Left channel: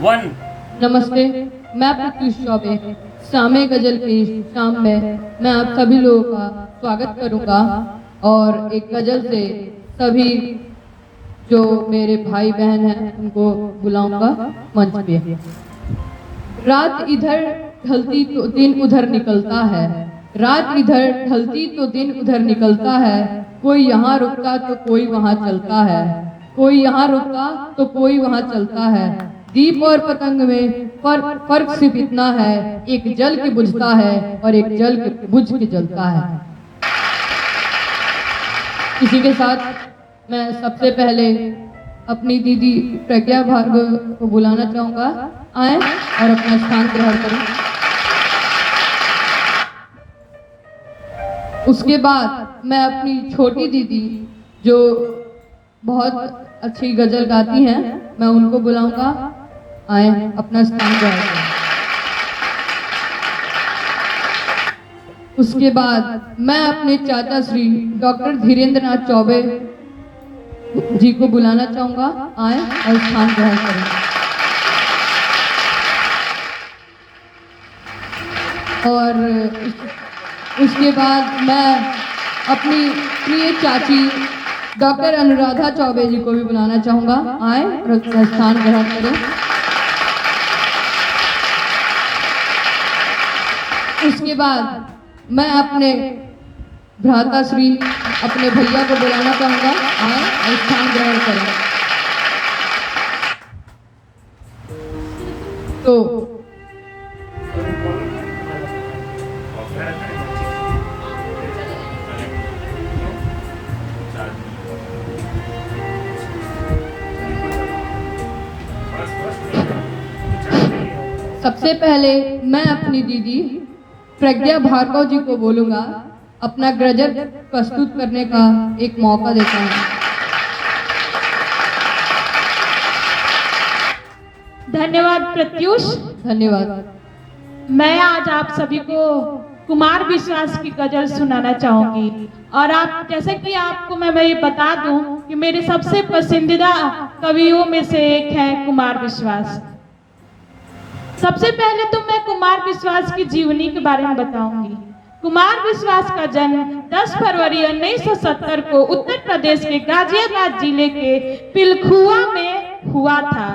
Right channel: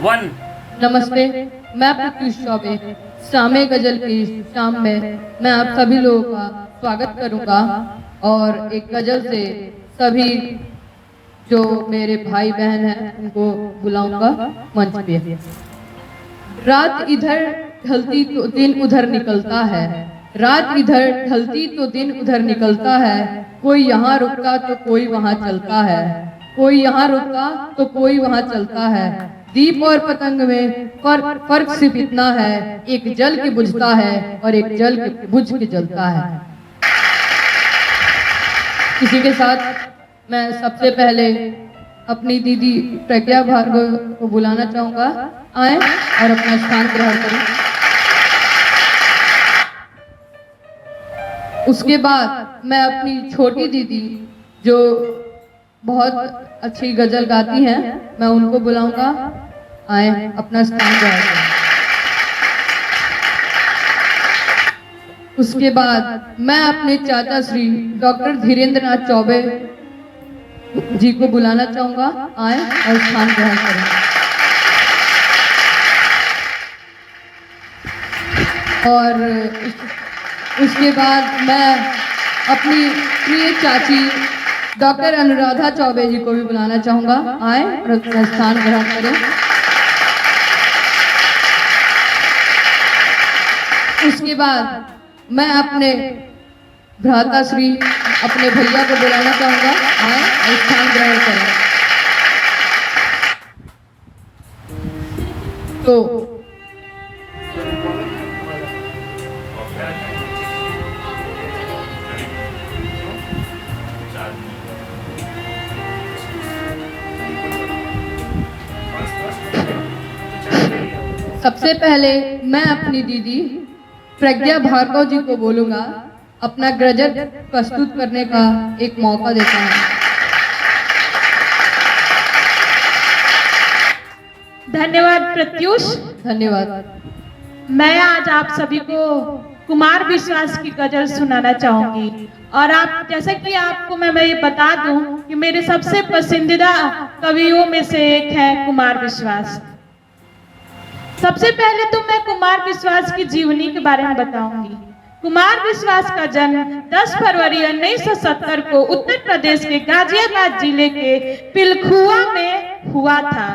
One. नमस्ते, मैं प्रत्युष चौबे शामे गजल की शाम में मैं आप सभी लोगों का स्वागत करूंगा और एक गजल से सभी जो मेरे भाई बहन हैं उनको बुलाऊंगा मंच पे। रात इधर ढलती तो दिन उधर निकलता है, रात इधर ढलती तो दिन उधर निकलता है, कोई यहाँ रुकता तो कोई वहाँ चलता है, कोई यहाँ रुकता तो कोई वहाँ चलता है। दीप और पतंग में फर्क सिर्फ इतना है, एक जल के बुझता है और एक जल के बुझ के जलता है। इसी के साथ मैं सबसे पहले अपनी दीदी प्रज्ञा भार्गव को बुलाना चाहूंगा, आए और अपना स्थान ग्रहण करें। उसके बाद मैं अपनी छोटी दीदी जो बहुत अच्छी गजल गाती हैं मैं उनको बुलाऊंगा, आए अपना स्थान ग्रहण करें। उसके बाद मैं अपने चाचा श्री डॉक्टर धीरेन्द्र नाथ चौबे जी को बुलाना चाहूंगा, आए और स्थान ग्रहण करें। और उसके बाद मैं अपनी प्रिय चाची डॉक्टर अनुराधा चौबे जी को भी बुलाना चाहूंगा, आए और अपना स्थान ग्रहण करें। उसके बाद मैं अपने भ्राता श्री अपने भैया को बुलाना चाहूंगा, आए और स्थान ग्रहण करें। तो सबसे पहले मैं अपनी दीदी प्रज्ञा भार्गव जी को बोलूंगा, अपना गजल प्रस्तुत करने का एक मौका देता हूँ। धन्यवाद प्रत्युष। धन्यवाद। मैं आज आप सभी को कुमार विश्वास की गजल सुनाना चाहूंगी और आप जैसे कि आपको मैं ये बता दूं कि मेरे सबसे पसंदीदा कवियों में से एक है कुमार विश्वास। सबसे पहले तो मैं कुमार विश्वास की जीवनी के बारे में बताऊंगी। कुमार विश्वास का जन्म 10 फरवरी 1970 को उत्तर प्रदेश के गाजियाबाद जिले के पिलखुआ में हुआ था।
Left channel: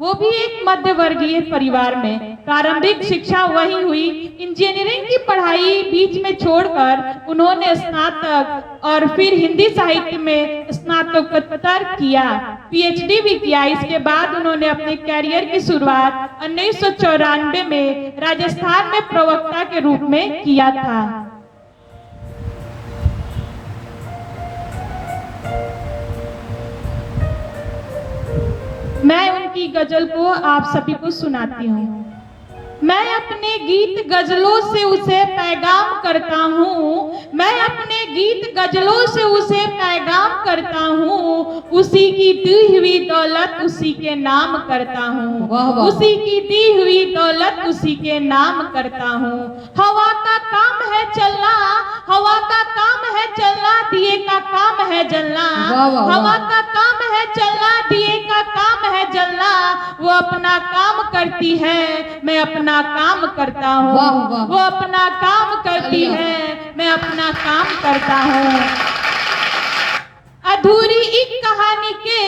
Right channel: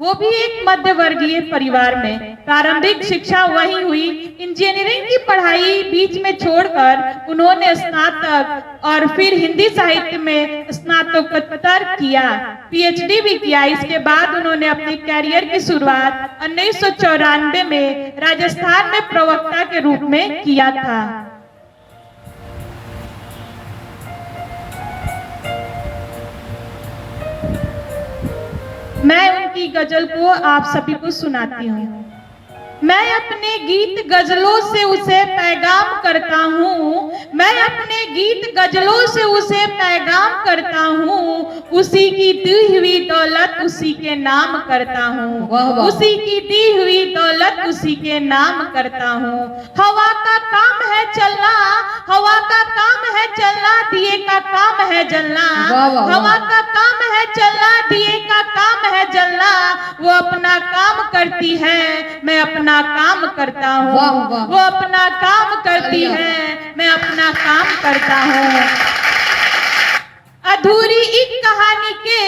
वो भी एक मध्य वर्गीय परिवार में। प्रारंभिक शिक्षा वहीं हुई। इंजीनियरिंग की पढ़ाई बीच में छोड़कर उन्होंने स्नातक और फिर हिंदी साहित्य में स्नातकोत्तर किया, पीएचडी भी किया। इसके बाद उन्होंने अपने कैरियर की शुरुआत 1994 में राजस्थान में प्रवक्ता के रूप में किया था। मैं उनकी गजल को आप सभी को सुनाती हूँ। मैं अपने गीत गजलों से उसे पैगाम करता हूँ, मैं अपने गीत गजलों से उसे पैगाम करता हूँ, उसी की दी हुई दौलत उसी के नाम करता हूँ, उसी की दी हुई दौलत उसी के नाम करता हूँ। हवा का काम है चलना, हवा का काम है चलना, दिए का काम है जलना, हवा का काम है चलना, दिए का काम है जलना। वो अपना काम करती है, मैं अपना काम करता हूँ, वो अपना काम करती है, मैं अपना काम करता हूँ। अधूरी एक कहानी के,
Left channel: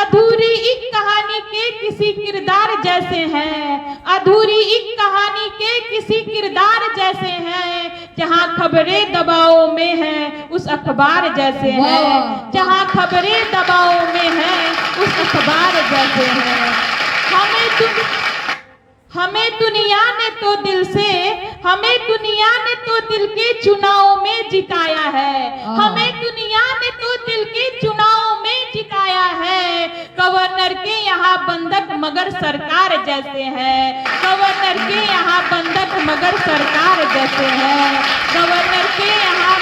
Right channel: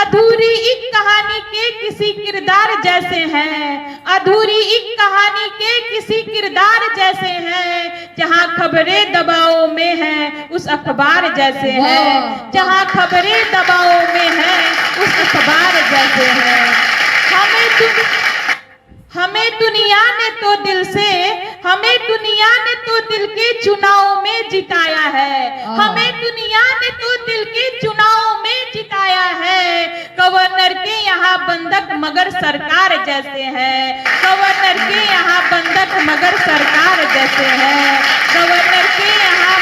अधूरी एक कहानी के किसी किरदार जैसे हैं, अधूरी एक कहानी के किसी किरदार जैसे हैं। जहाँ खबरें दबाव में हैं उस अखबार जैसे हैं, जहाँ खबरें दबाव में हैं उस अखबार जैसे हैं। हमें दुनिया ने तो दिल से, हमें दुनिया ने तो दिल के चुनाव में जिताया है, हमें दुनिया ने तो दिल के चुनाव में जिताया है। गवर्नर के यहाँ बंधक मगर सरकार जैसे हैं, गवर्नर के यहाँ बंधक मगर सरकार जैसे हैं, गवर्नर के यहाँ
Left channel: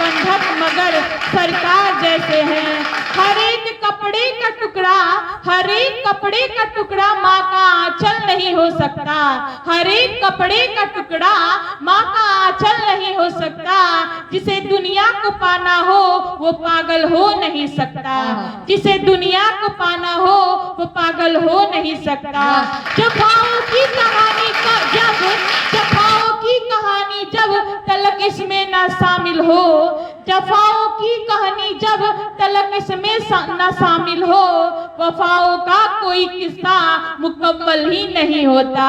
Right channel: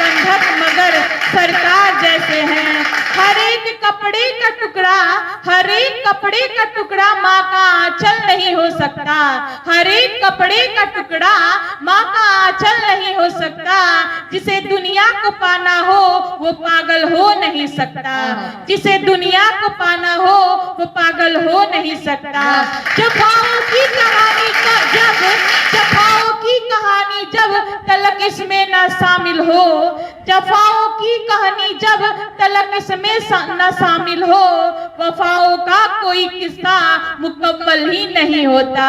बंधक मगर सरकार जैसे हैं। हर एक कपड़े का टुकड़ा, हर एक कपड़े का टुकड़ा माँ का आंचल नहीं हो सकता। हर एक कपड़े का टुकड़ा माँ का आंचल नहीं हो सकता। जिसे दुनिया को पाना हो वो पागल हो नहीं सकता। जिसे दुनिया को पाना हो वो पागल हो नहीं सकता। जफाओं की कहानी जब तलक इसमें ना शामिल हो, जफाओं की कहानी जब तलक इसमें ना शामिल हो, वफाओं का कोई किस्सा मुकम्मल ही नहीं होता,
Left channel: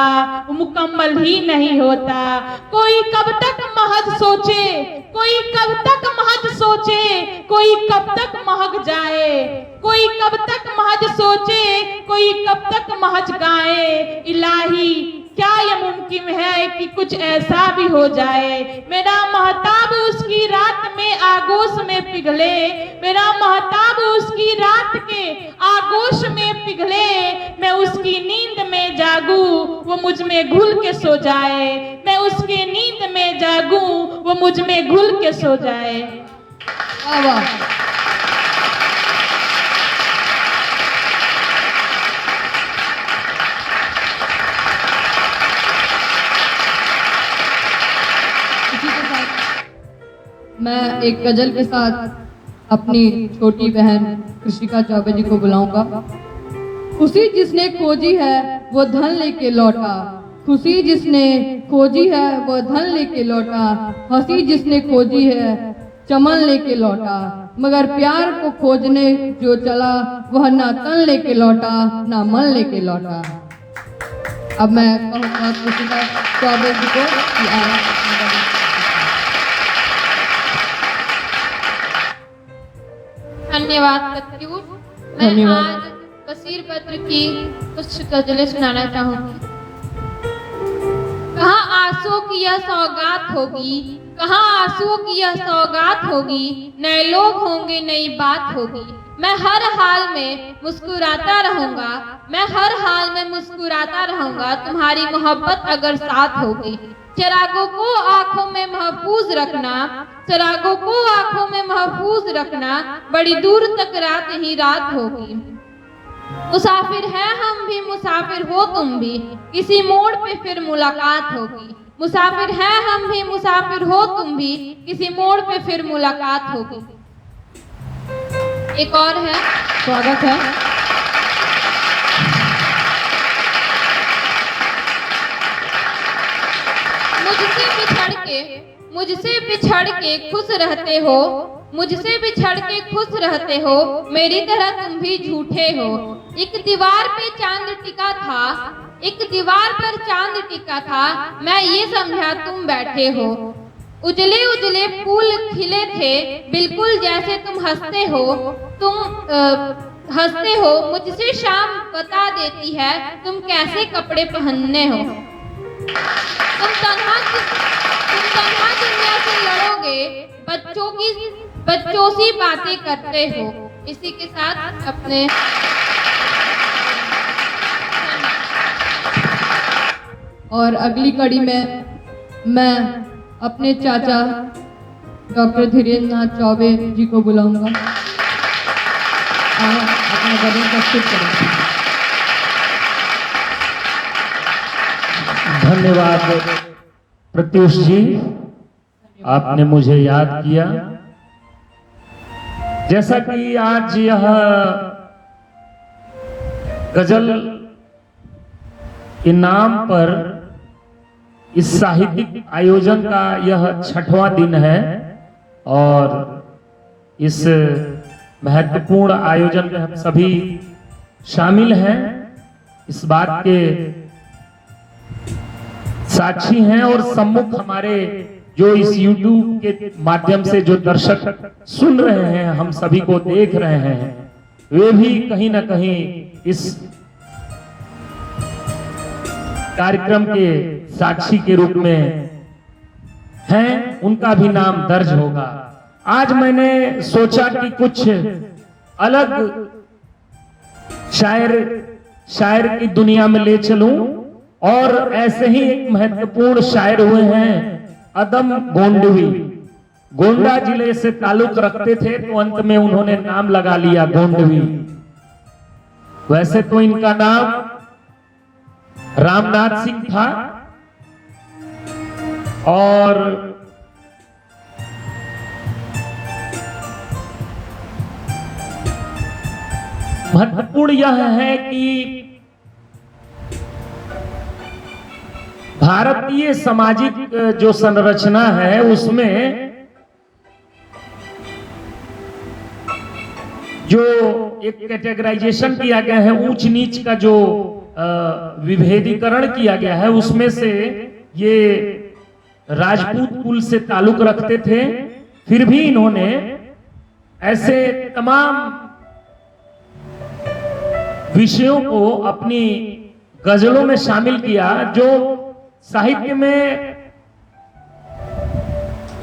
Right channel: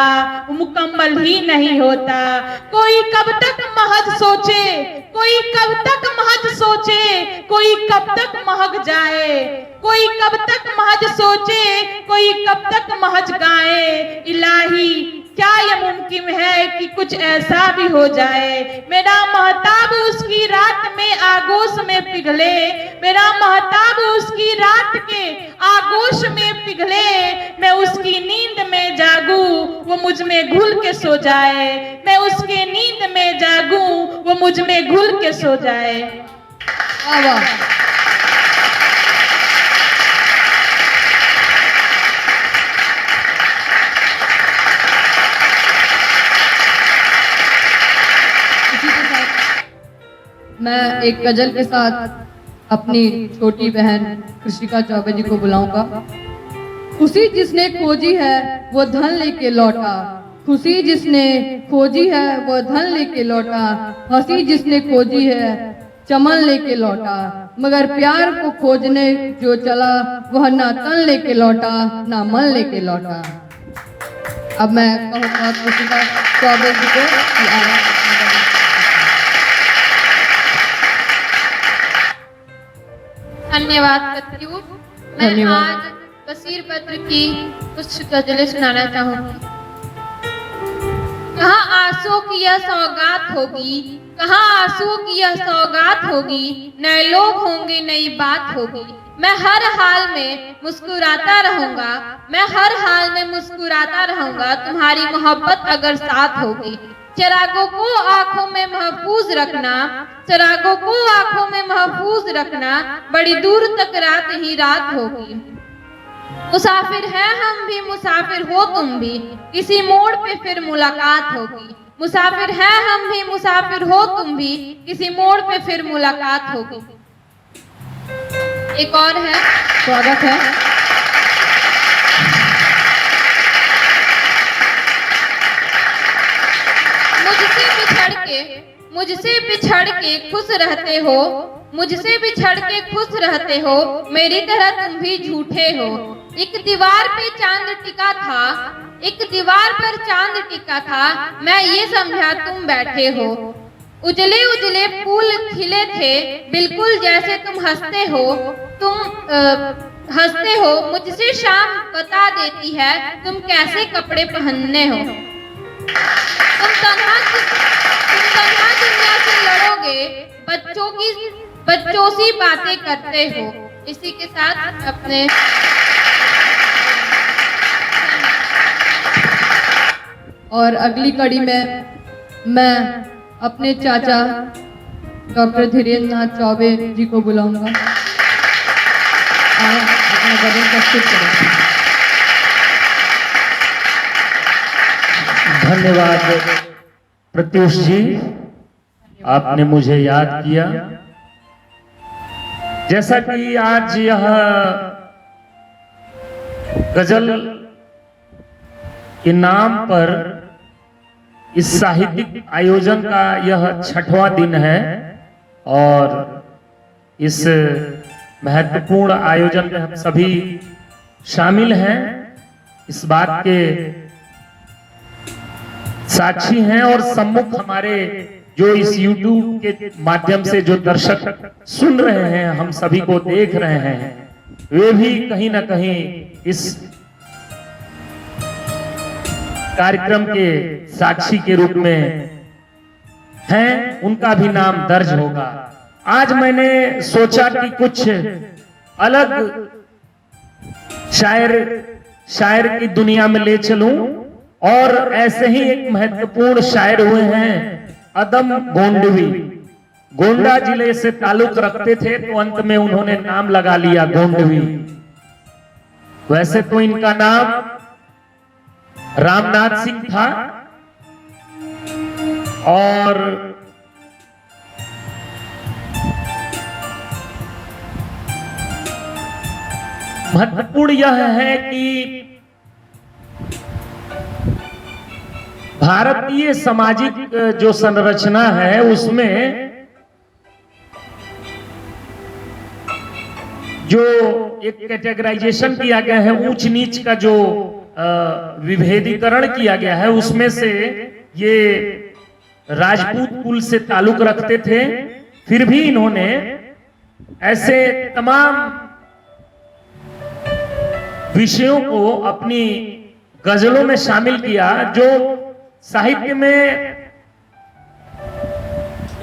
मुकम्मल ही नहीं होता। कोई कब तक महज सोचे, कोई कब तक महज सोचे, कोई कब तक महक जाए, कोई कब तक महज सोचे, कोई कब तक महज गाए। इलाही क्या ये मुमकिन है कि कुछ ऐसा भी हो जाए। मेरा महताब उसकी रात में आगोश में पिघले, मेरा महताब उसकी रात के आगोश में पिघले। मैं उसकी नींद में जागूं वो मुझ में घुल के सो जाए, मैं उसकी नींद में जागूं वो मुझ में घुल के सो जाए। मैं एक गजल के साथ अपनी छोटी बहन कृषिका चौबे जी को बुलाऊंगा। खुशी जिसने खोजी है वो धन लेके लौटा, खुशी जिसने खोजी है वो धन लेके लौटा, हंसी जिसने खोजी है चमन लेके लौटा, मगर प्यार को खोजने जो चला वह ना तन लेके लौटा ना मन लेके लौटा। अब मैं कहूँगा कृषिका चौबे जी को कि धन्यवाद प्रत्युष। मैं आज बशीर बद्र की कुछ गजलें सुनाना चाहूंगी। कहाँ आंसुओं की यह सौगात होगी, कहाँ आंसुओं की यह सौगात होगी, नए लोग होंगे नई बात होगी। मैं हर हाल में मुस्कुराता रहूंगा, मैं हर हाल में मुस्कुराता रहूंगा, तुम्हारी मोहब्बत अगर साथ होगी। चिरागों को आंखों में महफूज रखना, चिरागों को आंखों में महफूज रखना, बड़ी दूर तक रात ही रात होगी। मुसाफिर हैं हम भी, मुसाफिर हो तुम भी, किसी मोड़ पे फिर मुलाकात होगी। मुसाफिर हैं हम भी, मुसाफिर हो तुम भी, किसी मोड़ पे फिर मुलाकात होगी। एक और है, स्वागत है। मुझसे बिछड़ के खुश रहते हो, मुझसे बिछड़ के खुश रहते हो, मेरी तरह तुम भी झूठे हो। एक दीवार पे चांद टिका था, एक दीवार पर चांद टिका था, मैं ये समझा तुम बैठे हो। उजले उजले फूल खिले थे, बिल्कुल जैसे तुम हंसते हो, तुम हंसते हो। मुझसे शाम बता देती है तुम कैसे कपड़े पहनने हो। तुम तन्हा दुनिया से लड़ोगे, बच्चों सी बातें करते हो। इसी के साथ अपने और अगली कड़ी में मैं अपने चाचा डॉक्टर धीरेन्द्र नाथ चौबे जी को बुलाऊंगा। अपना गजल प्रस्तुत करेंगे। धन्यवाद प्रत्युष जी, आपने मुझे याद किया। जैसा कि आज यह गजल के नाम पर इस साहित्यिक आयोजन का यह 6वां दिन है और इस महत्वपूर्ण आयोजन में हम सभी शामिल हैं, इस बात के साक्षी हैं और सम्मुख हमारे जो इस YouTube के माध्यम से जो दर्शक सुन रहे हैं, हम सभी को देख रहे हैं, वे भी कहीं ना कहीं इस कार्यक्रम के साक्षी के रूप में हैं, उनका भी नाम दर्ज होगा। आज मैंने सोचा कि कुछ अलग शायर की दुनिया में ले चलूं और ऐसे ही एक महत्वपूर्ण शायर हुए हैं अदम गोंडवी। गोंडा जिले से ताल्लुक रखते थे, तो अंत में उन्होंने नाम लगा लिया गोंडवी। वैसे तो इनका नाम रामनाथ सिंह था और महत्वपूर्ण यह है कि भारतीय सामाजिक जो संरचना है उसमें जो एक कैटेगराइजेशन किया गया है, ऊंच नीच का जो विभेदीकरण किया गया है, उसमें से ये राजपूत कुल से ताल्लुक रखते थे। फिर भी इन्होंने ऐसे तमाम विषयों को अपनी गजलों में शामिल किया जो साहित्य में,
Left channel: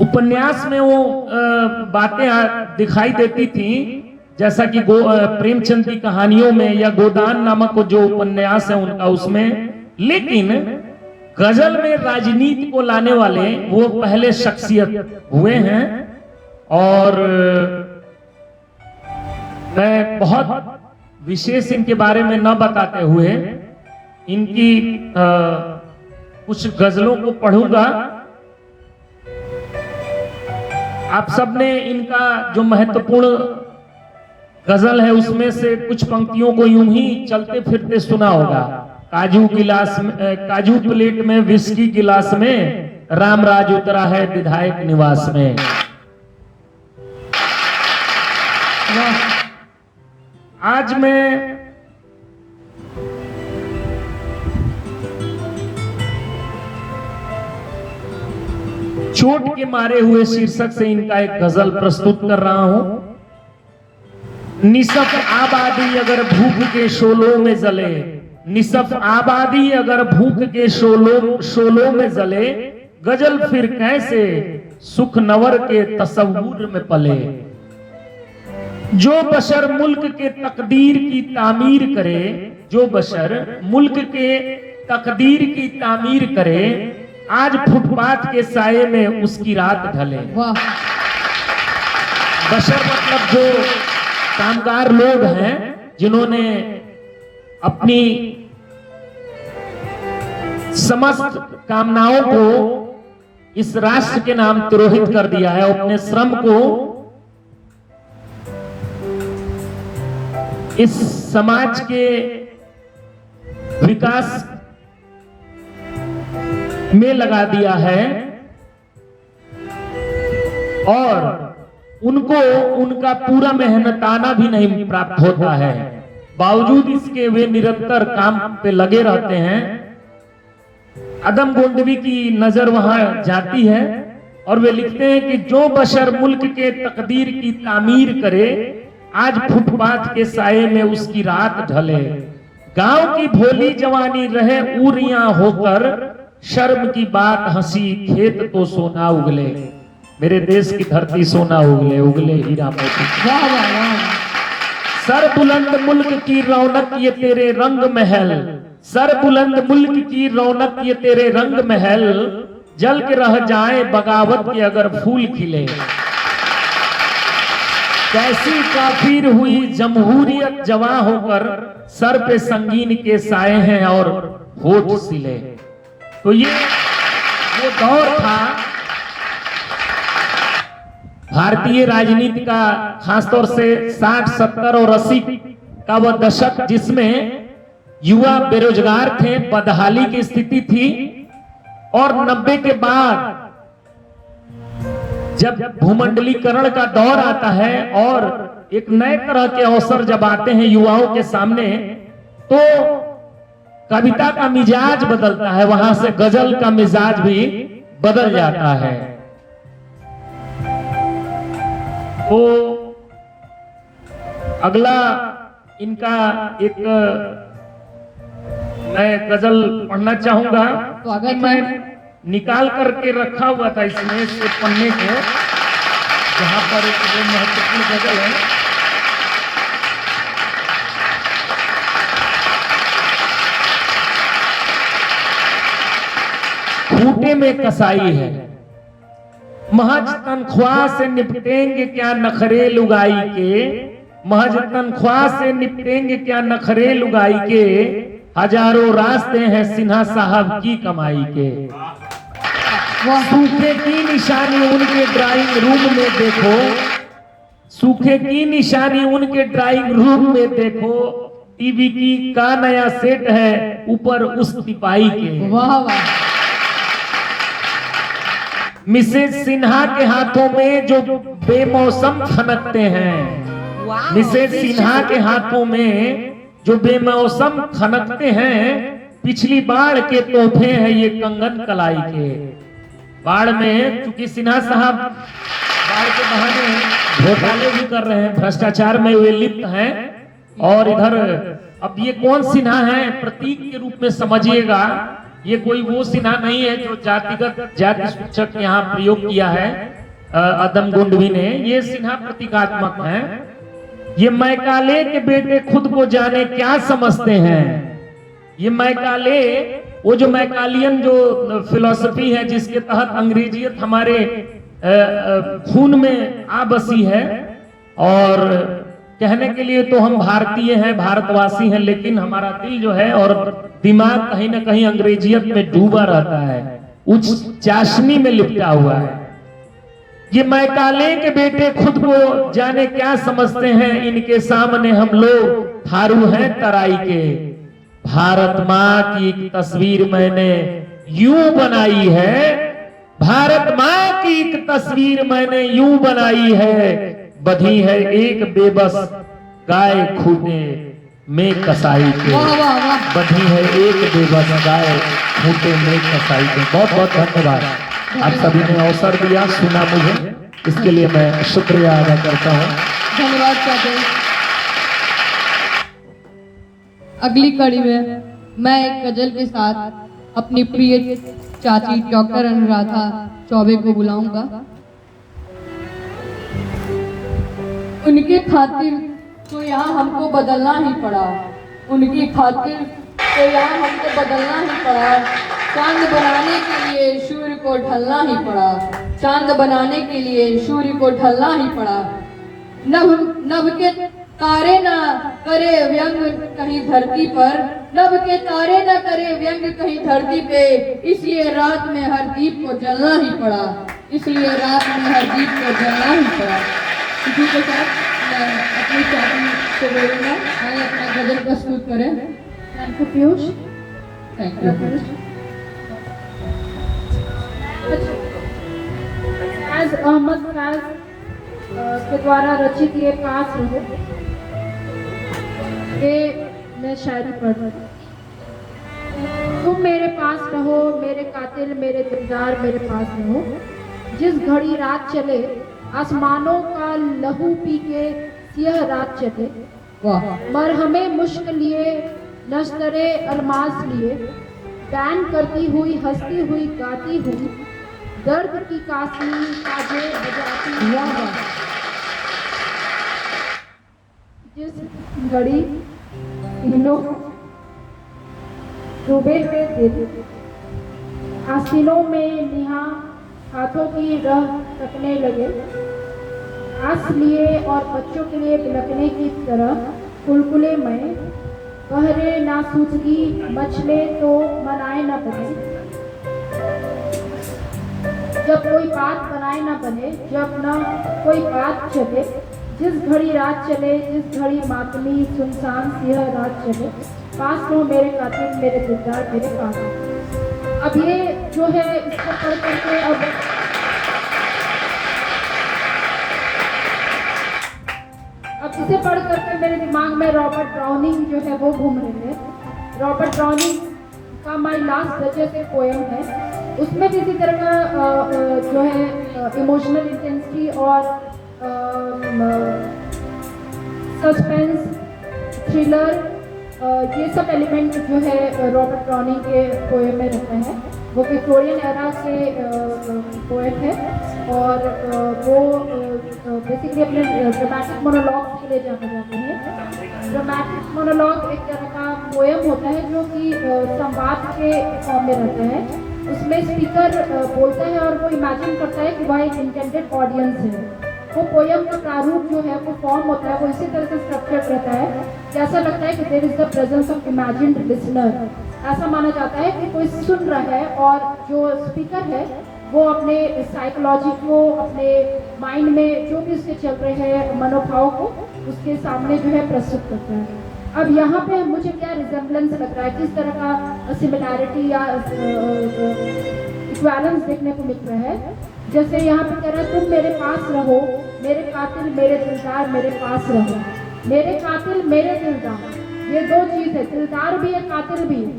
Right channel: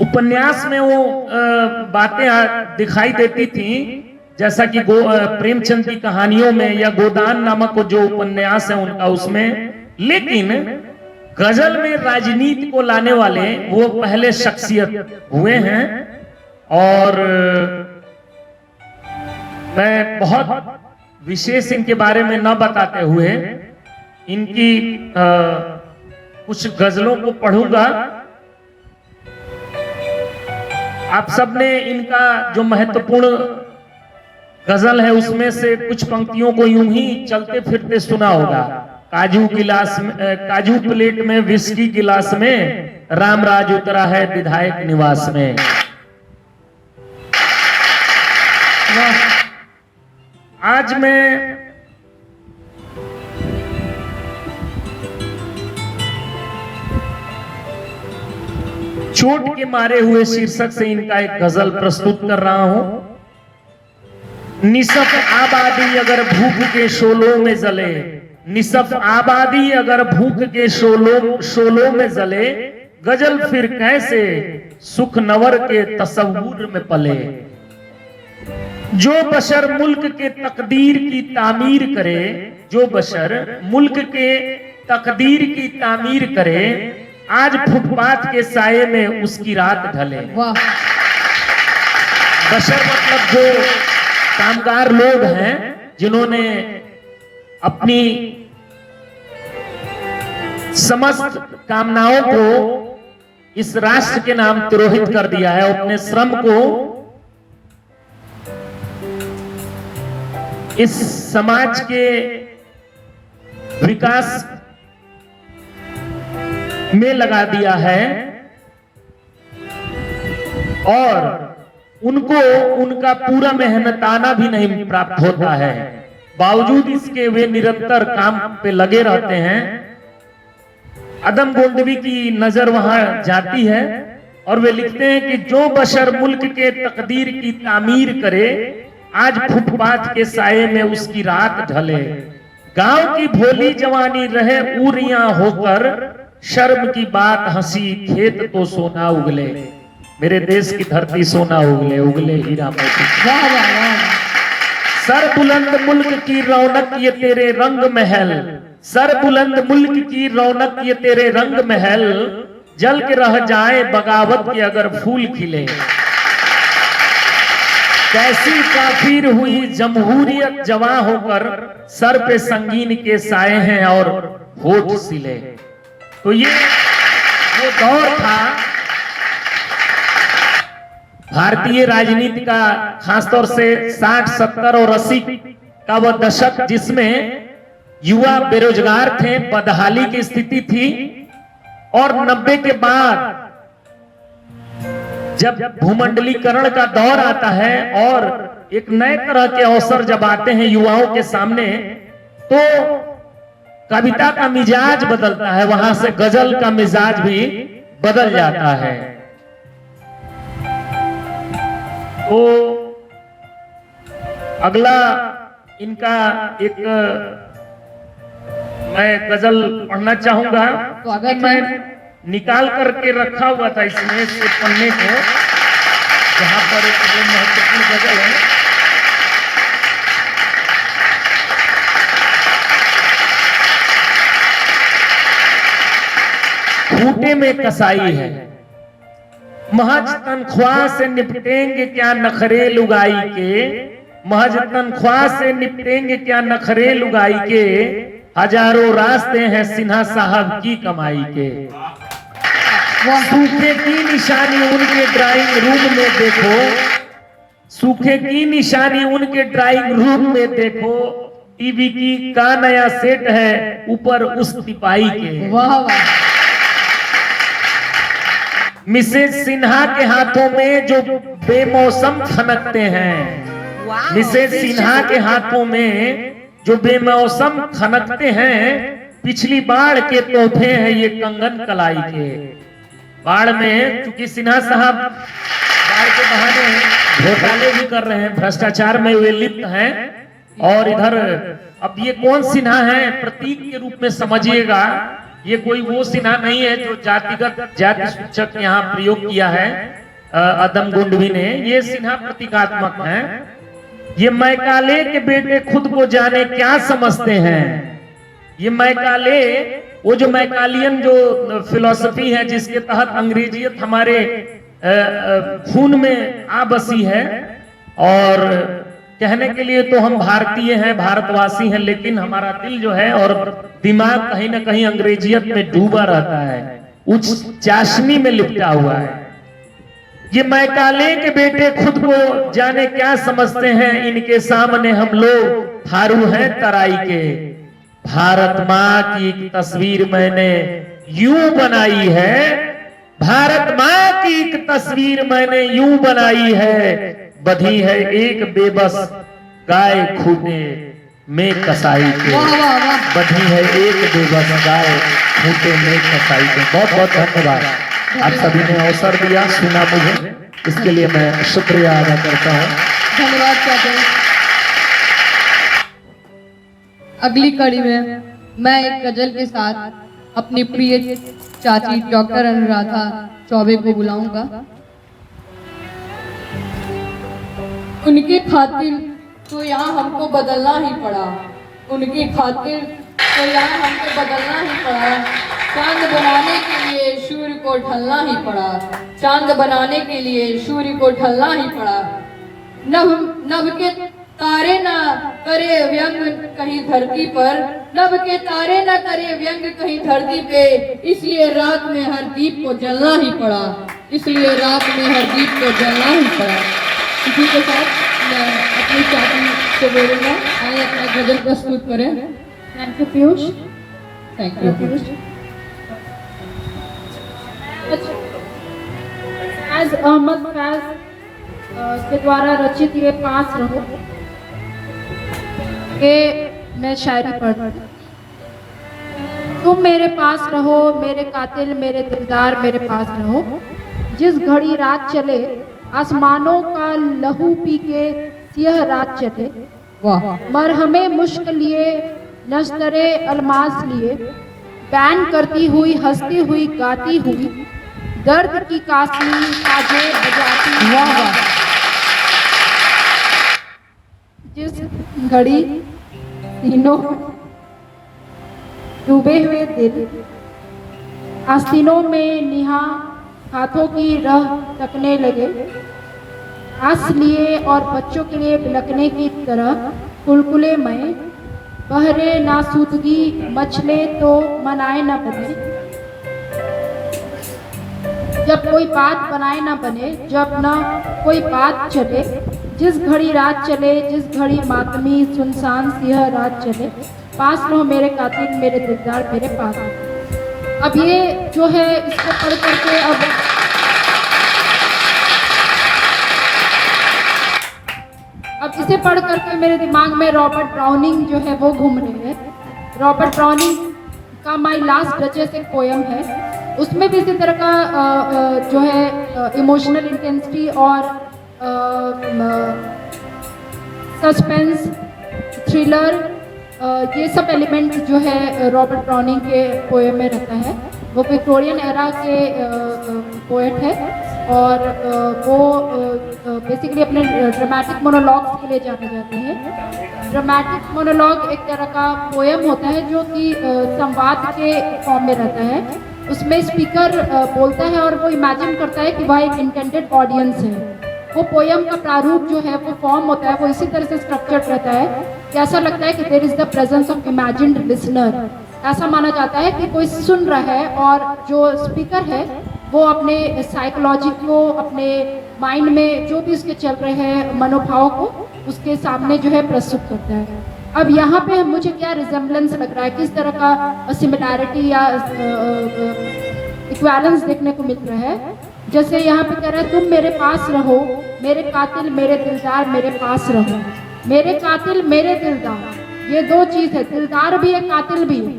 उपन्यास में वो बातें दिखाई देती थी, जैसा कि प्रेमचंद की कहानियों में या गोदान नामक जो उपन्यास है उनका उसमें। लेकिन गजल में राजनीति को लाने वाले वो पहले शख्सियत हुए हैं। और मैं बहुत विशेष इनके बारे में न बताते हुए इनकी कुछ गजलों को पढ़ूंगा। आप सबने इनका जो महत्वपूर्ण गजल है उसमें से कुछ पंक्तियों को यूं ही चलते फिरते सुना होगा। काजू प्लेट में विस्की गिलास में रामराज उतरा है विधायक निवास में। आज मैं चोट के मारे हुए शीर्षक से इनका एक गजल प्रस्तुत कर रहा हूं। निसफ आबादी अगर भूख के शोलों में जले, निसफ आबादी अगर भूख के शोलों में जले, गजल फिर कैसे सुख नवर के तसव्वुर में पले। जो बशर मुल्क के तकदीर की तामीर करे, जो बशर मुल्क के तकदीर की तामीर करे, आज फुटपाथ के साये में उसकी रात ढले। बशर मतलब जो कामगार लोग हैं जिन्होंने अपनी समस्त कामनाओं को इस राष्ट्र के नाम तिरोहित कर दिया है, अपने श्रम को इस समाज के विकास में लगा दिया है और उनको उनका पूरा मेहनताना भी नहीं प्राप्त होता है। बावजूद इसके वे निरंतर काम पे लगे रहते हैं। अदम गोंडवी की नजर वहां जाती है और वे लिखते हैं कि जो बशर मुल्क के तकदीर की तामीर करे, आज फुटपाथ के साये में उसकी रात ढले। गांव की भोली जवानी रहे उरियां होकर, शर्म की बात हंसी खेत तो सोना उगले। मेरे देश की धरती सोना उगले, उगले हीरा मोती। सर बुलंद मुल्क की रौनक ये तेरे रंग महल, सर बुलंद मुल्क की रौनक ये तेरे रंग महल, जल के रह जाए बगावत के अगर फूल खिले। कैसी काफिर हुई जमहूरियत जवां होकर, सर पे संगीन के साए हैं और होठ सिले। तो ये वो दौर था भारतीय राजनीति का, खासतौर से 60, 70 और 80 का वह दशक जिसमें युवा बेरोजगार थे, बदहाली की स्थिति थी। और 90 के बाद जब भूमंडलीकरण का दौर आता है और एक नए तरह के अवसर जब आते हैं युवाओं के सामने, तो कविता का मिजाज बदलता है, वहां से गजल का मिजाज भी बदल जाता है। तो अगला इनका एक मैं गजल पढ़ना चाहूंगा। स्वागत है। मैं निकाल करके रखा हुआ था इसमें से पन्ने को, जहां पर एक महत्वपूर्ण गजल है। खूंटे में कसाई है, महज तनख्वाह से निपटेंगे क्या नखरे लुगाई के, महज तनख्वाह से निपटेंगे क्या नखरे लुगाई के, हजारों रास्ते हैं सिन्हा साहब की कमाई के। सूखे की निशानी उनके ड्राइंग रूम में देखो, सूखे की निशानी उनके ड्राइंग रूम में देखो, टीवी की का नया सेट है ऊपर उस तिपाई के। वाह वाह। मिसेज सिन्हा के हाथों में जो बेमौसम खनकते हैं, मिसेज सिन्हा के हाथों में जो बेमौसम खनकते हैं, पिछली बाढ़ के तोहफे हैं ये कंगन कलाई के। बाढ़ में चूंकि सिन्हा साहब बाढ़ के बहाने घोटाले भी कर रहे हैं, भ्रष्टाचार में वे लिप्त हैं, और इधर अब ये कौन सिन्हा है प्रतीक के रूप में समझिएगा, ये कोई वो सिन्हा नहीं है जो जातिगत जाति सूचक यहाँ प्रयोग किया है अदम गुंडवी ने। ये सिन्हा प्रतीकात्मक है। ये मैकाले के बेटे खुद को जाने क्या समझते हैं। ये मैकाले, वो जो मैकालियन जो फिलॉसफी है जिसके तहत अंग्रेजियत हमारे खून में आ बसी है, और कहने के लिए तो हम भारतीय हैं, भारतवासी हैं, लेकिन हमारा दिल जो है और दिमाग कहीं ना कहीं अंग्रेजियत में डूबा रहता है, उच्च चाशनी में लिपटा हुआ है। ये मैकाले के बेटे खुद को जाने क्या समझते हैं, इनके सामने हम लोग थारू हैं तराई के। भारत माँ की एक तस्वीर मैंने यूं बनाई है, भारत माँ की एक तस्वीर मैंने यूं बनाई है, बधी है एक बेबस गाय खूंटे में कसाई के। बधी है एक बेबस गाय खूंटे में कसाई के। बहुत बहुत धन्यवाद, आप सभी ने अवसर दिया, सुना मुझे, इसके लिए मैं शुक्रिया अदा करता हूँ। धन्यवाद चाचा। अगली कड़ी में मैं एक गजल के साथ अपनी प्रिय चाची डॉक्टर अनुराधा चौबे को बुलाऊंगा। उनके खातिर तो यहाँ हमको बदलना ही पड़ा, उनकी खातिर तो यहाँ हमको बदलना ही पड़ा। चांद बनाने के लिए सूर्य को ढलना ही पड़ा, चांद बनाने के लिए सूर्य को ढलना ही पड़ा। नभ नभ के तारे ना करे व्यंग कहीं धरती पर, नभ के तारे ना करे व्यंग कहीं धरती पे, इसलिए रात में हर दीप को जलना ही पड़ा, इसलिए रात में हर दीप को जलना ही पड़ा। इसी के साथ मैं अपनी चाची को बोलूँगा आइए अपना गजल प्रस्तुत करें। Thank you Piyush. Thank you. Faiz Ahmed Faiz के द्वारा रचित ये पास रहो के मैं शायरी पढ़ रही हूँ। तुम मेरे पास रहो मेरे कातिल मेरे दिलदार मेरे पास रहो, जिस घड़ी रात चले आसमानों का लहू पी के सियाह रात चले, मरहमे मुश्क लिए नस्तरे अलमास लिए, बैन करती हुई हंसती हुई गाती हुई, दर्द की कासनी साजे बजाती हुई, जिस घड़ी तीनों डूबे हुए दिल आस्तीनों में निहा हाथों की राह तकने लगे, आस लिए और बच्चों के लिए बिलकने की तरह कुलकुले में बहरे नासूदगी मचले तो मनाए न बने, जब कोई बात बनाए न बने, जब न कोई बात चले, जिस घड़ी रात चले जिस घड़ी मातमी सुनसान सियाह रात चले, पास रहो मेरे कातिल मेरे दिलदार मेरे पास। अब ये जो है इसको पढ़ करके अब इसे पढ़ करके मेरे दिमाग में रॉबर्ट ब्राउनिंग जो है वो घूम रहे हैं। रॉबर्ट ब्राउनिंग का माई लास्ट डचेस एक पोयम है, उसमें भी इसी तरह का जो है इमोशनल इंटेंसिटी और सस्पेंस थ्रिलर ये सब एलिमेंट जो है रॉबर्ट ब्राउनिंग के पोएम में रहता है। वो विक्टोरियन एरा के पोएट है और वो बेसिकली अपने ड्रामेटिक मोनोलॉग्स के लिए जाने जाते हैं। ड्रामेटिक मोनोलॉग एक तरह का पोएम होता है जो कि संवाद के फॉर्म में रहता है। उसमें स्पीकर बोलता है और वो इमेजिन करता है कि वह एक इंटेंडेड ऑडियंस है। वो पोयम का प्रारूप जो है वो फॉर्म होता है वो इसी तरह से स्ट्रक्चर्ड रहता है कि ऐसा लगता है कि there is the presence of imagined listener. ऐसा माना जाता है कि कोई सुन रहा है और जो स्पीकर है वो अपने साइकोलॉजी को, अपने माइंड में जो भी उसके चल रहे हैं मनोभाव को उसके सामने जो है प्रस्तुत करता है। अब यहाँ पे मुझे क्या रिजेम्बलेंस लग रहा है, किस तरह का सिमिलैरिटी या इक्वालेंस देखने को मिल रहा है। जैसे यहाँ पे कह रहा है तुम मेरे पास रहो, मेरे कातिल मेरे दिलदार मेरे पास रहो। मेरे कातिल मेरे दिलदार, ये दो चीज़ है, दिलदार भी है कातिल भी है।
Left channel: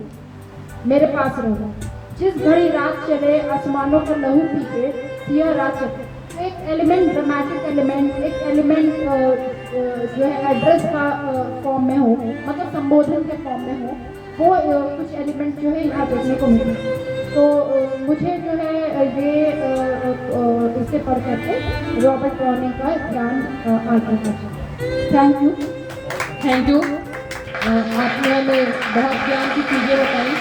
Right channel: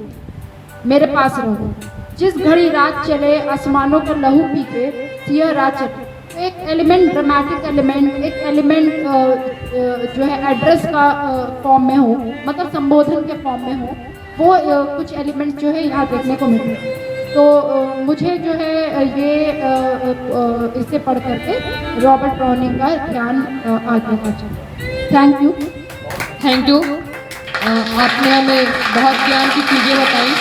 मेरे पास रहो, जिस घड़ी रात चले आसमानों को लहू पी के सिया रात चले। तो एक एलिमेंट, ड्रामेटिक एलिमेंट, एक एलिमेंट जो है एड्रेस का फॉर्म में हो, मतलब संबोधन के फॉर्म में हो, वो कुछ एलिमेंट जो है यहाँ देखने को मिल रहे हैं। तो मुझे जो है ये इसे पढ़ करके रॉबर्ट ब्राउनिंग का ध्यान आगे का चाहिए। Thank you. Thank you. आपने हमें बहुत ज्ञान की चीज़ें बताई।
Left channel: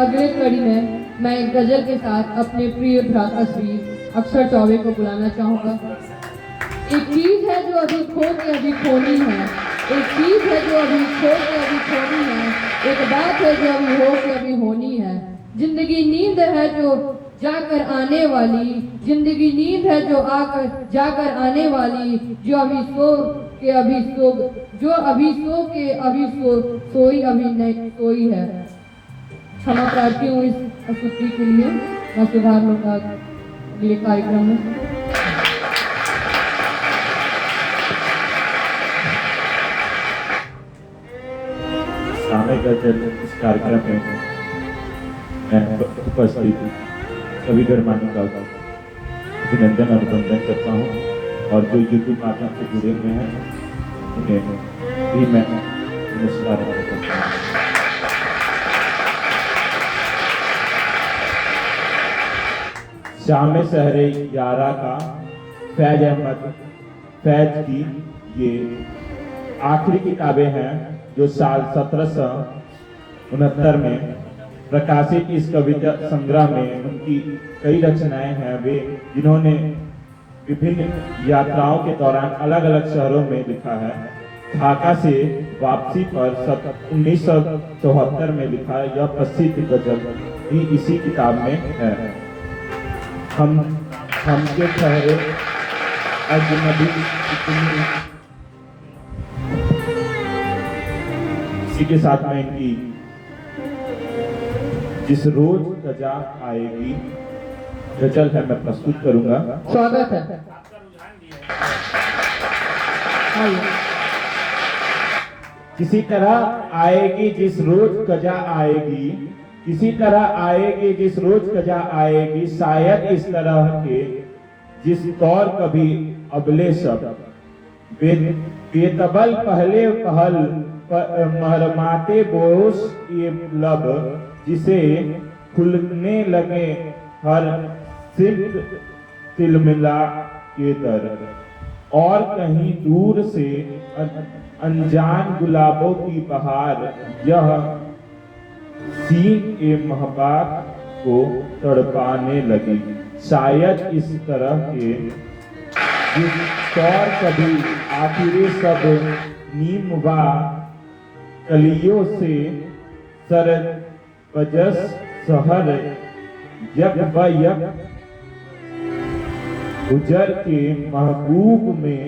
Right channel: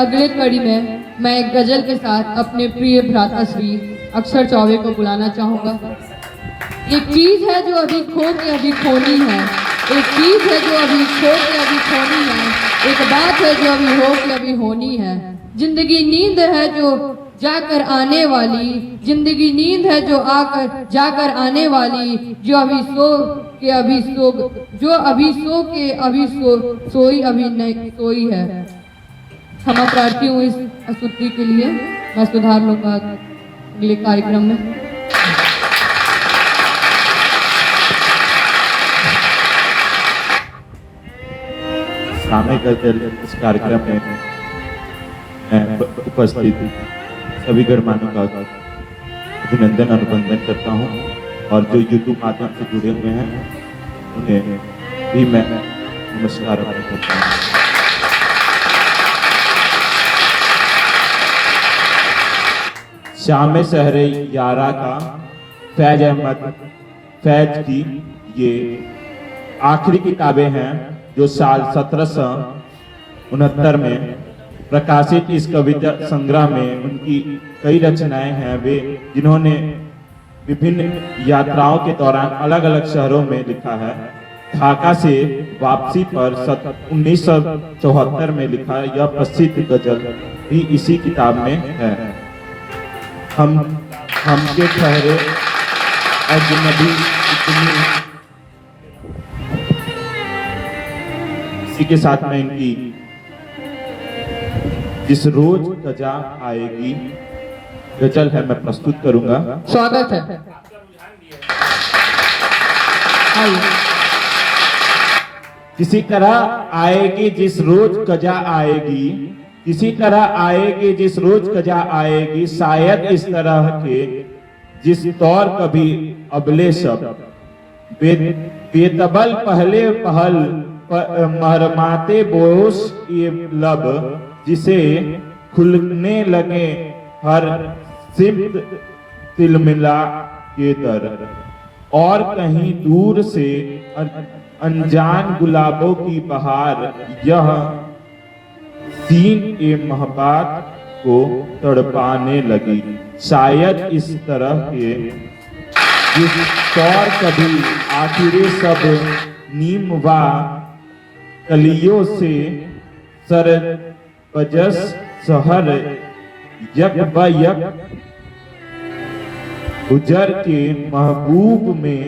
अगले कड़ी में मैं एक गजल के साथ अपने प्रिय भ्राता श्री अक्षर चौबे को बुलाना चाहूँगा। एक चीज़ है जो अभी खो के अभी खोनी है, एक चीज़ है जो अभी खो के अभी खोनी है, एक बात है जो अभी हो के अभी होनी है। जिंदगी नींद है जो जाकर आने वाली, जिंदगी नींद है जो आकर जाकर आने वाली, जो अभी सो के अभी सो, जो अभी सो के अभी सोई अभी नहीं सोई है। क्षमा प्रार्थी हूँ इस अशुद्धि के लिए। मैं सुधार लूँगा अगले कार्यक्रम में। सामने गजल इस कार्यक्रम में मैं उपस्थित सभी गणमान्यों का अभिनंदन अभिनंदन करता हूँ और जो यूट्यूब माध्यम से जुड़े हुए हैं उन्हें भी मैं नमस्कार करता हूँ। शाम शहरे यारा का फैज अहमद फैज की ये आखिरी किताबें हैं जो साल 1769 में प्रकाशित इस कविता संग्रह में उनकी कई रचनाएं हैं। वे जिन्होंने विभिन्न यात्राओं के दौरान अलग अलग शहरों में लिखा है। ढाका से वापसी पर 1974 में लिखा यह प्रसिद्ध गजल भी इसी किताब में है। हमके ठहरे अजनबी इतनी, इसी के साथ में इनकी जिस रोज कजा आएगी गजल है मैं प्रस्तुत करूंगा। स्वागत है। किसी तरह आएगी जिस रोज कजा आएगी, किसी तरह आएगी जिस रोज कजा आएगी, शायद इस तरह के जिस तौर कभी अबले सब बेतबल पहले पहल मरमाते बोस ये लब, जिसे खुलने लगे हर सिमत तिलमिला के दर, और कहीं दूर से अनजान गुलाबों की बहार यह सीन के महबात को तड़पाने लगी। शायद इस तरह के जिस तौर कभी आखिरी सब नीम व कलियों से सरद बजस सहर यक ब यक गुजर के महबूब में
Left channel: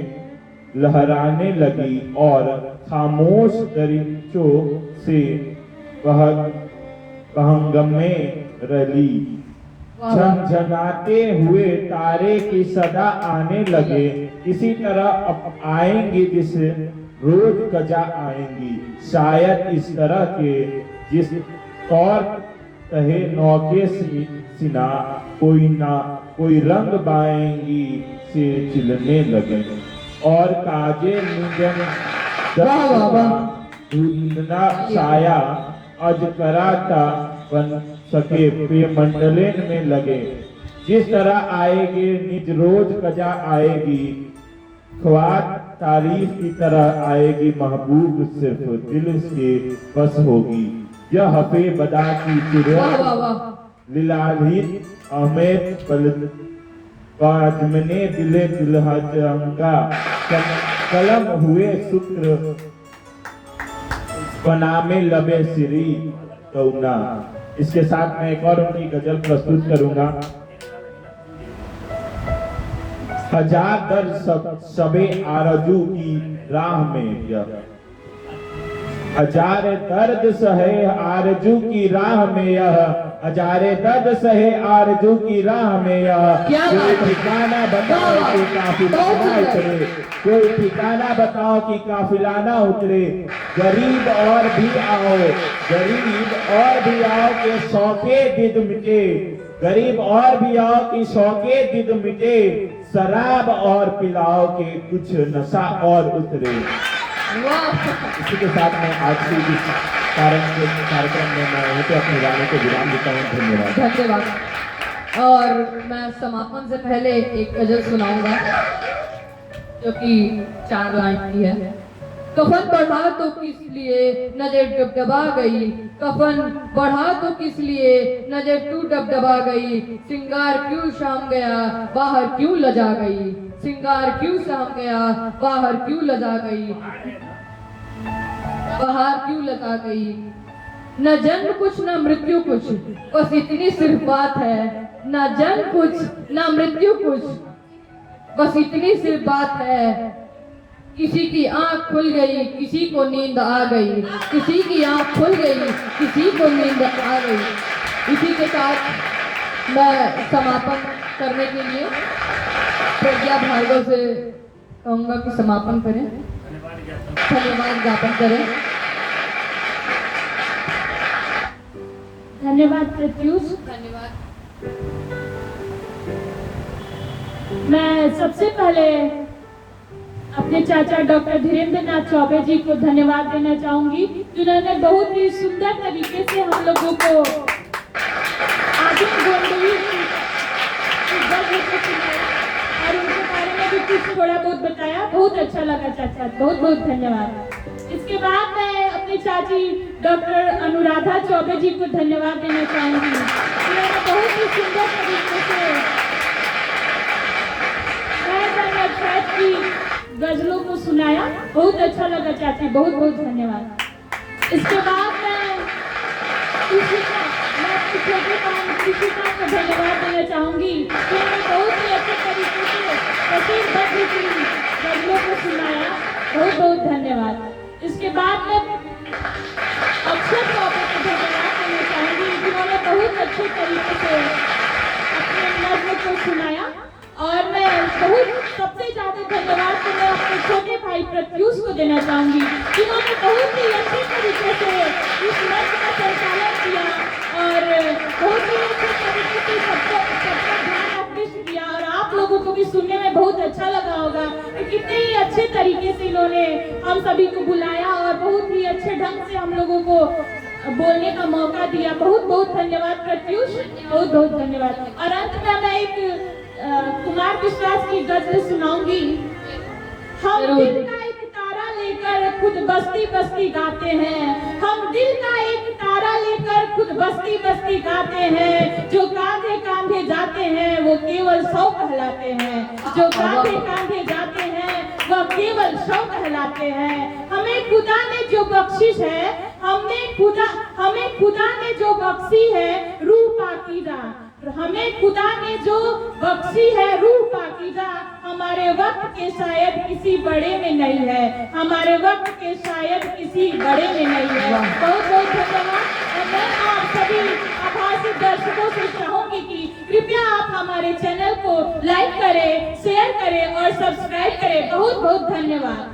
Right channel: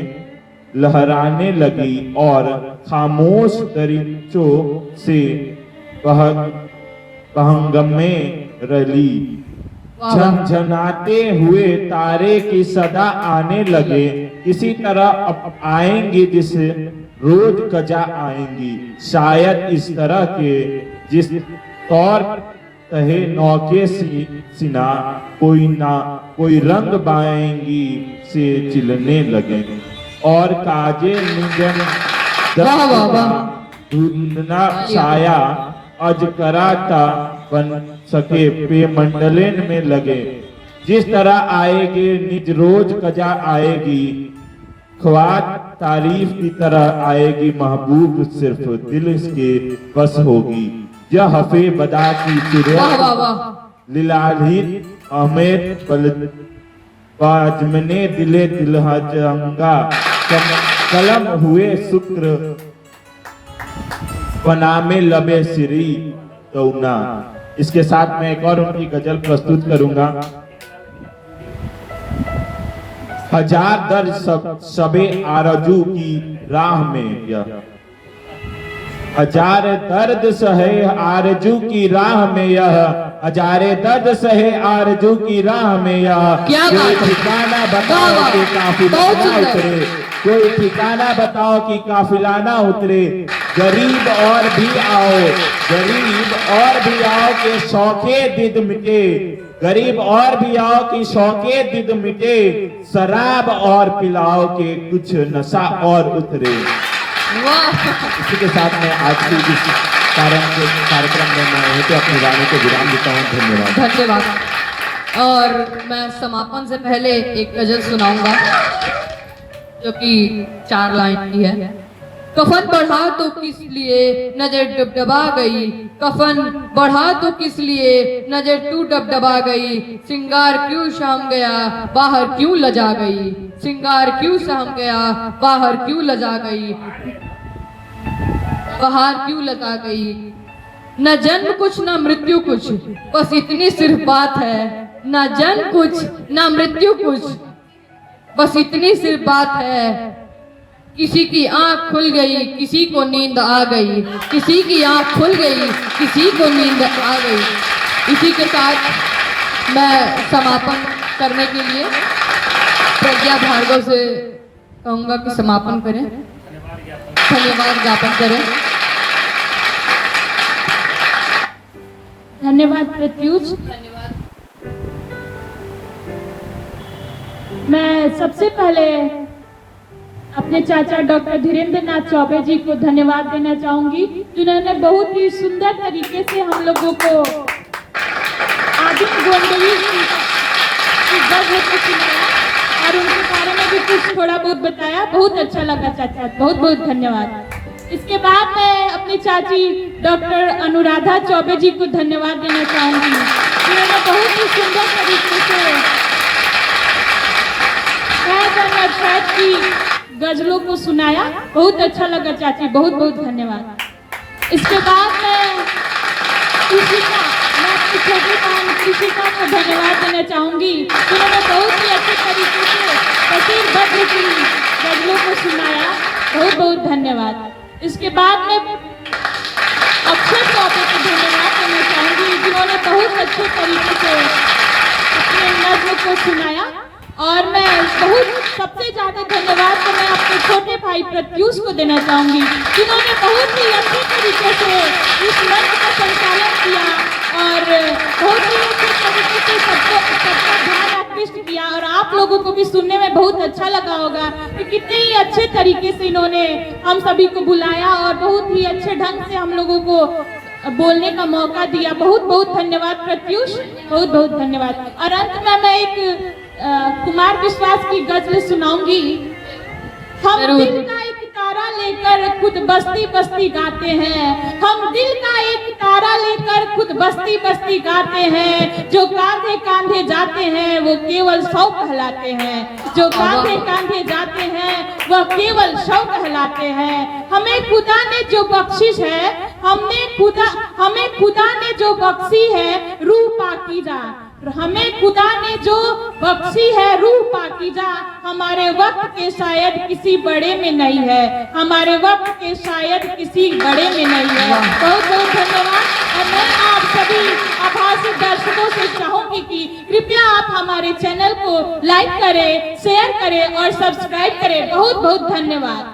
लहराने लगी, और खामोश दरिंचों से पहंगमे रली। झनझनाते हुए तारे की सदा आने लगे, इसी तरह आएंगे जिस रोज कजा आएंगी। शायद इस तरह के जिस तौर तहे नौके सिना कोई रंग बाएंगी से चिलने लगे, और काजे निजन धुंधना छाया अज कराता बन सके पे मंडलेन में लगे। जिस तरह आएगी निज रोज कजा आएगी, ख्वाज तारीफ की तरह आएगी, महबूब सिर्फ दिल इसके बस होगी। यह हफे बदा की वाह वाह वाह। लीलाधीन अहमेद बाजमने दिले दिलहजंगा कलम हुए शुक्र बनामे लबे सिरी तौना। इसके साथ मैं एक और उनकी गजल प्रस्तुत करूंगा। हजार दर्द सबे आरजू की राह में यह, हजार दर्द सहे आरजू की राह में यह, हजारे दर्द सहे आरजू की राह में यह। क्या कोई बात है। ठिकाना बताओ वाह, कि वाह। काफिला बहुत ना सुंदर। उतरे, कोई ठिकाना बताओ कि काफिला ना उतरे। गरीब और भी आओ, गरीब और भी आओ के शौके दिद मिटे, गरीब और भी आओ कि शौके दिद मिटे। शराब और पिलाओ के कुछ नशा और उतरे। वाह। इसी के साथ मैं आज की इस कार्यक्रम में मैं तो अपने गाने को विराम देता हूँ। धन्यवाद। धन्यवाद। और मैं समापन से पहले एक गजल सुनाऊंगा जो कि 4 लाइन की है। कफन बढ़ा तो किस लिए नजर डबडबा गई, कफन बढ़ा तो किस लिए नजर तू डबडबा गई। सिंगार क्यों शाम गया बाहर क्यों लजा गई, सिंगार क्यों शाम गया बाहर क्यों लजा गई, बाहर क्यों लगा गई। न जन्म कुछ न मृत्यु कुछ, बस इतनी सिर्फ बात है। न जन्म कुछ न मृत्यु कुछ, बस इतनी सिर्फ बात है। किसी की आंख खुल गई किसी को नींद आ गई, किसी की आंख खुल गई किसी को नींद आ गई। इसी के साथ मैं समापन करने के लिए प्रज्ञा भार्गव से कहूँगा कि समापन करें, धन्यवाद ज्ञापन करें। धन्यवाद प्रत्युष। धन्यवाद। मैं सबसे पहले अपने चाचा डॉक्टर धीरेन्द्र नाथ चौबे जी को धन्यवाद देना चाहूंगी, जिन्होंने बहुत ही सुंदर तरीके से हम लोगों को आदित्य गोंडवी की गज़ल को सुनाया और उनके बारे में भी कुछ थोड़ा बहुत बताया। बहुत अच्छा लगा चाचा, बहुत बहुत धन्यवाद। इसके बाद मैं अपनी चाची डॉक्टर अनुराधा चौबे जी को धन्यवाद देना चाहूंगी, जिन्होंने बहुत ही सुंदर तरीके से की गजलों को सुनाया। बहुत अच्छा लगा चाची, बहुत बहुत धन्यवाद। इसके बाद मैं कृषिका को धन्यवाद देना चाहूंगी, जिन्होंने बहुत ही अच्छे तरीके से असीम बद्र की गजलों को सुनाया। बहुत बहुत धन्यवाद। इसके बाद में अक्षर चौबे को धन्यवाद देना चाहूंगी, जिन्होंने बहुत अच्छे तरीके से अपने नज्म को सुनाया। और मैं बहुत सबसे ज्यादा धन्यवाद तो मैं अपने छोटे भाई प्रत्युष को देना चाहूंगी, जिन्होंने बहुत ही अच्छे तरीके से इस मंच का संचालन किया और बहुत ही अच्छे तरीके से सबका ध्यान आकृष्ट किया। और आप लोगों को भी सुनने में बहुत अच्छा लगा होगा कि कितने ही अच्छे तरीके से इन्होंने हम सभी को बुलाया और बहुत ही अच्छे ढंग से हम लोगों को बोलने का मौका दिया। बहुत बहुत धन्यवाद प्रत्युष, बहुत बहुत धन्यवाद। और अंत में मैं एक कुमार विश्वास की गजल सुनाऊंगी। हम दिल का एक तारा लेकर खुद बस्ती बस्ती गाते हैं, हम दिल का एक तारा लेकर खुद बस्ती बस्ती गाते हैं। जो कांधे कांधे जाते हैं वो केवल 100 कहलाते हैं, जो कांधे कांधे जाते हैं वह केवल 100 कहलाते हैं। हमें खुदा ने जो बख्शिश है, हमें खुदा ने जो बख्शी है रूह पाकीज़ा, हमें खुदा ने जो बख्शी है रूह पाकीज़ा, हमारे वक्त के शायद किसी बड़े में नहीं है, हमारे वक्त के शायद किसी बड़े में नहीं है। बहुत बहुत धन्यवाद। और मैं आप सभी आभासी दर्शकों से चाहूंगी कि कृपया आप हमारे चैनल को लाइक करें, शेयर करें और सब्सक्राइब करें। बहुत बहुत धन्यवाद।